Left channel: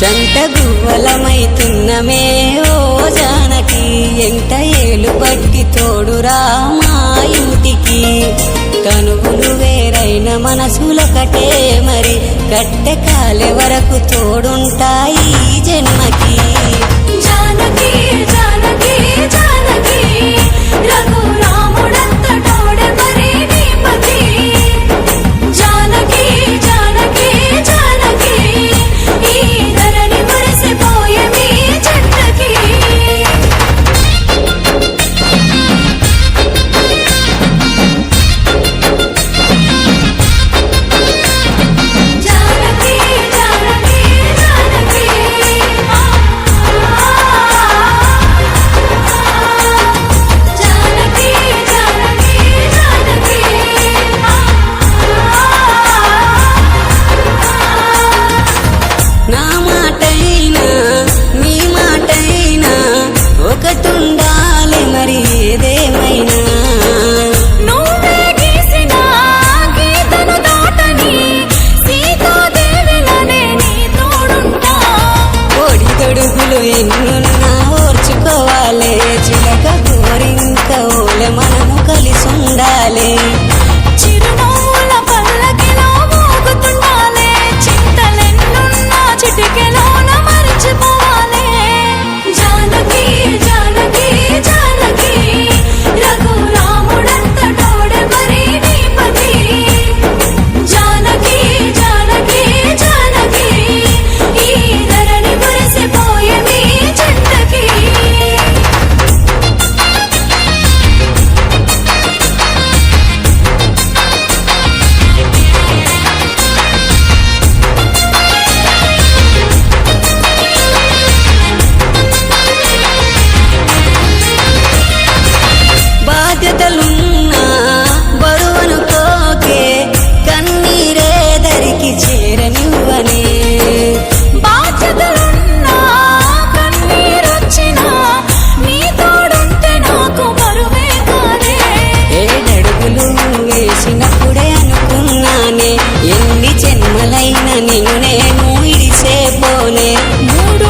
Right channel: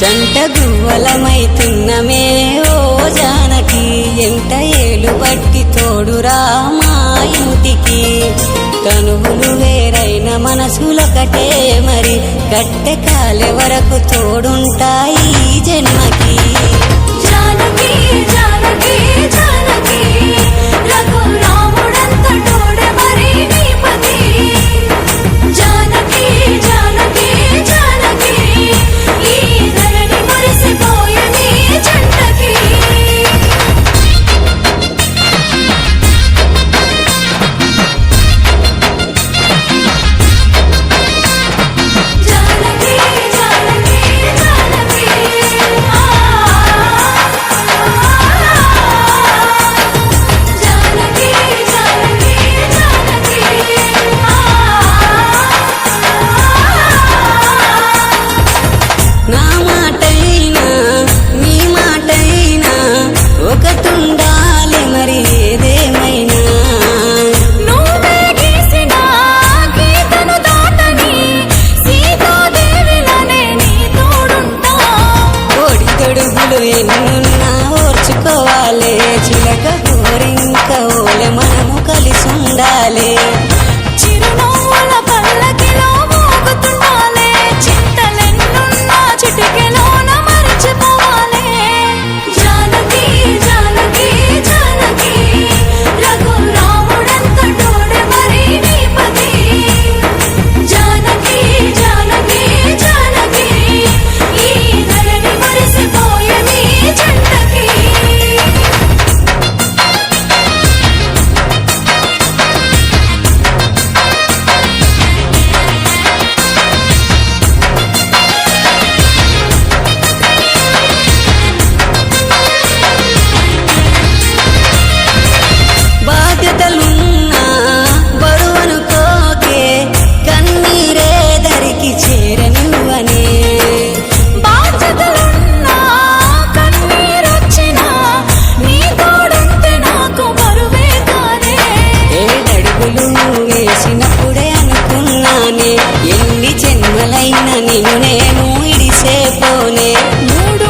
జంట గువ్వలమైతున్నమే ఓ జానకి ఎంట ఏలు బట్టి తోడురా మా ఇంటికి తనువులు వేరైన మనసులొకటే మరి కట్టె కాలే వరకు తోడుంటాయి జన్మకి నా మాటైనా నీ మాటైనా ఒకటుండాలి మరి ఏదేమైనా నువ్వే గీసిన గీతను దాటని సీతాదేవిలానే నీ తోడుంటా ఒడిదొడుగులు ఎన్నున్నా ఓర్చుకోవాలి చిలక గోరింక ఓలె మనము కలిసుండాలి చిరునవ్వుల పల్లకిలో మోగుతుండాలే చింతలెన్నున్నా చిటికెలోన మరిచిపోవాలే జానకి జానకి జానకి రఘురాముడంత తోడే మరి నీపతి జానకి జానకి జానకి ఈ ధరణి మురిసిపోయేది జంటకి బాధ్యతలున్నా బరువనుకోకే కన్నీరే దరికి చేరనివ్వనే బాధ్యతలున్నా కన్నీరొచ్చినా నీ తోడుంటే నాకు బరువే కాదే ఏడడుగులు వేసినప్పుడే అనుకున్నానే ఎన్ని జన్మలైన నిన్ను నేను ఇడిసేపోనే మూడు